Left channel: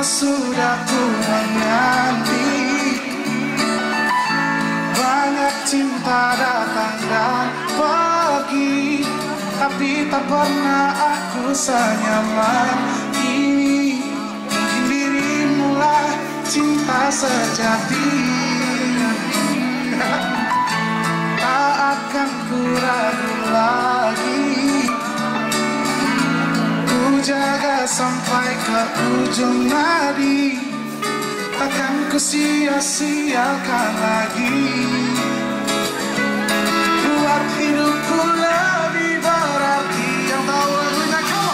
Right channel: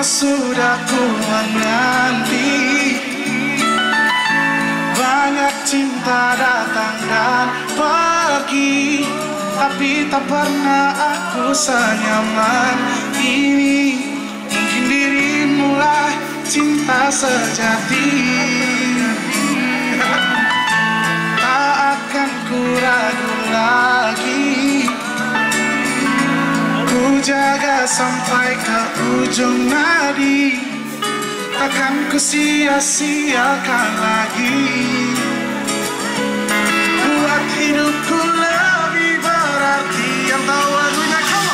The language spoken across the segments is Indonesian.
sudah ku menanti. Banyak cinta datang dan pergi, tapi tak pernah aku senyaman ini. Mungkin dirimulah cinta sejati. Tak akan ku ragu lagi, ku jaga sampai ke ujung nadi. Takkan ku sia-siakan lagi, buat hidupku lebih berarti. Yang tahu lagunya kamu?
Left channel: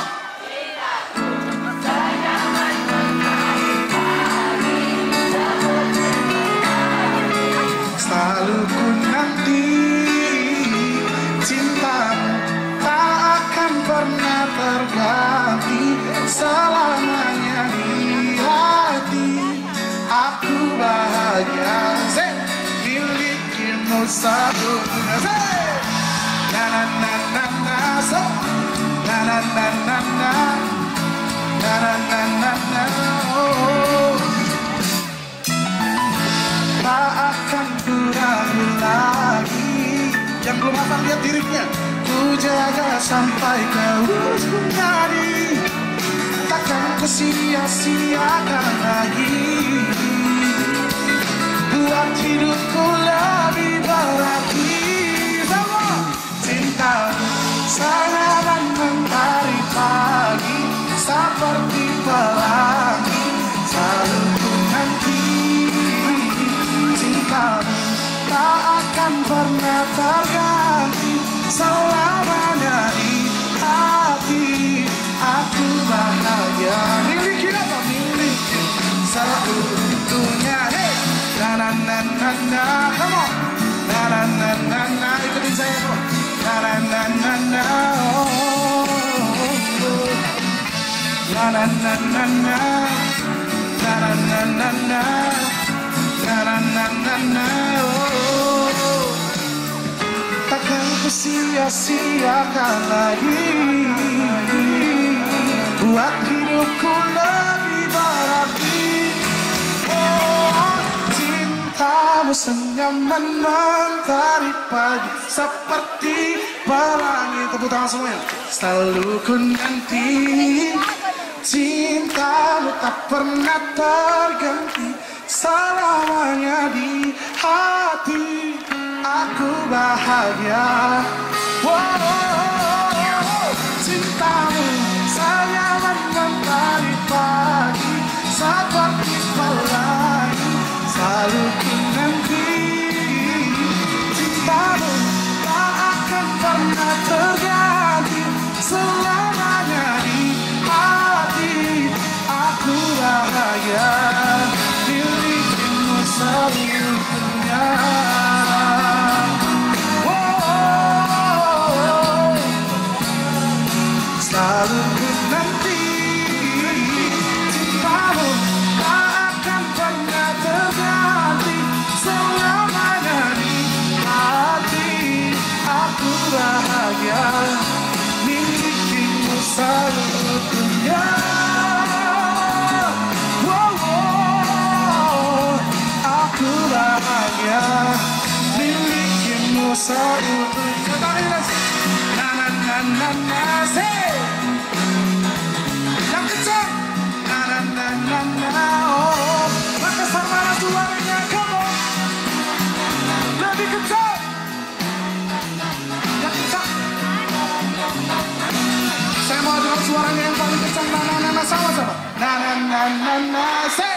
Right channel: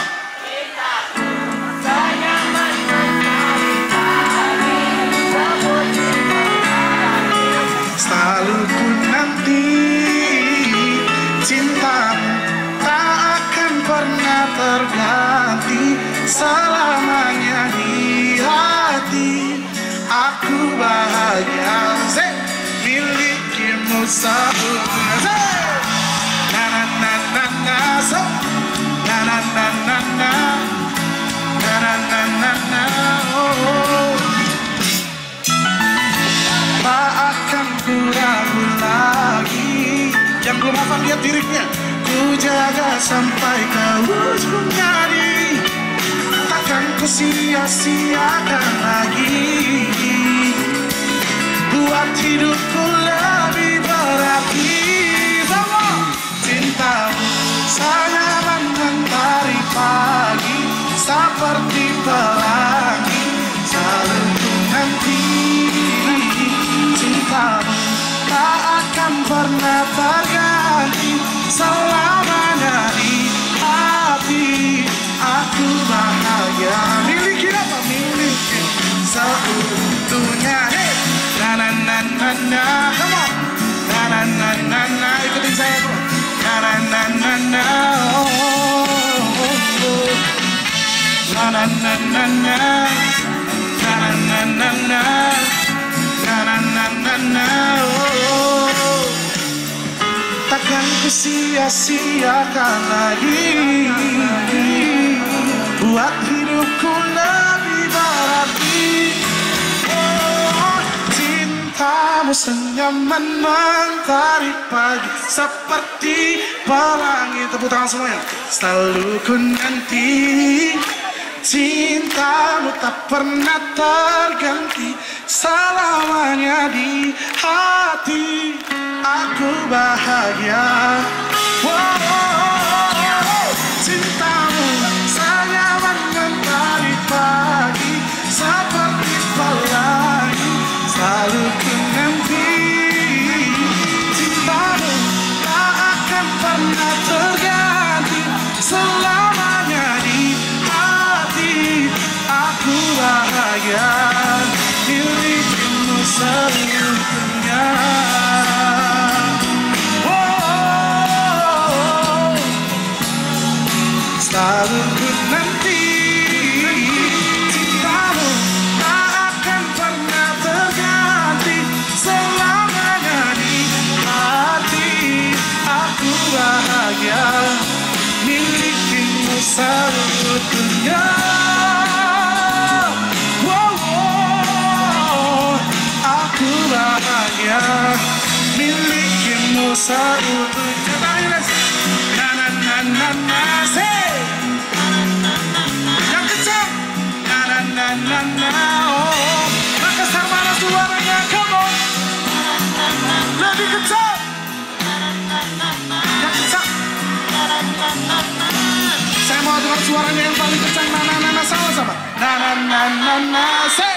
Selalu ku nanti cintamu, tak akan pernah terganti. Selamanya di hati aku bahagia, milikimu satu. Na na na na na, so na na na na na, na na na na na, oh. Tak akan ku ragu lagi. Yang belum hafal lihat liriknya. Ku jaga sampai ke ujung nadi. Takkan ku sia-siakan lagi, buat hidupku lebih berarti. Cintamu sangat mentari pagi, seperti pelangi selalu ku nanti. Cintamu tak akan pernah terganti. Selamanya di hati aku bahagia, miliki apa? Miliki seutuhnya. Na na na na na, come on. Na na na na na, ikutin saya tuh. Na na na na na, oh, oh, oh. Na na na na na, na na na na na, na na na na na, oh. Takkan ku sia-siakan lagi, buat hidupku lebih berarti. Kamu senyaman mentari pagi, seperti pelangi. Tepuk tangan semuanya. Selalu ku nanti, cintamu tak pernah terganti. Selamanya di hati aku bahagia. Wow, cintamu senyaman mentari pagi, seperti pelangi selalu ku nanti. Cintamu tak akan pernah terganti. Selamanya di hati aku bahagia, milikimu seluruhnya. Oh, selalu ku nanti. Cintamu tak akan pernah terganti. Selamanya di hati aku bahagia, milikimu seluruhnya. Aku bahagia, milikimu seluruhnya. Na na na na na, say. Yang kencang. Na na na na na, oh. Makassar mana suaranya, come on. Lebih kencang. Yang kencang. Saya mau dengar suaranya yang paling kencang. Na na na na, sama-sama. Na na na na na, say.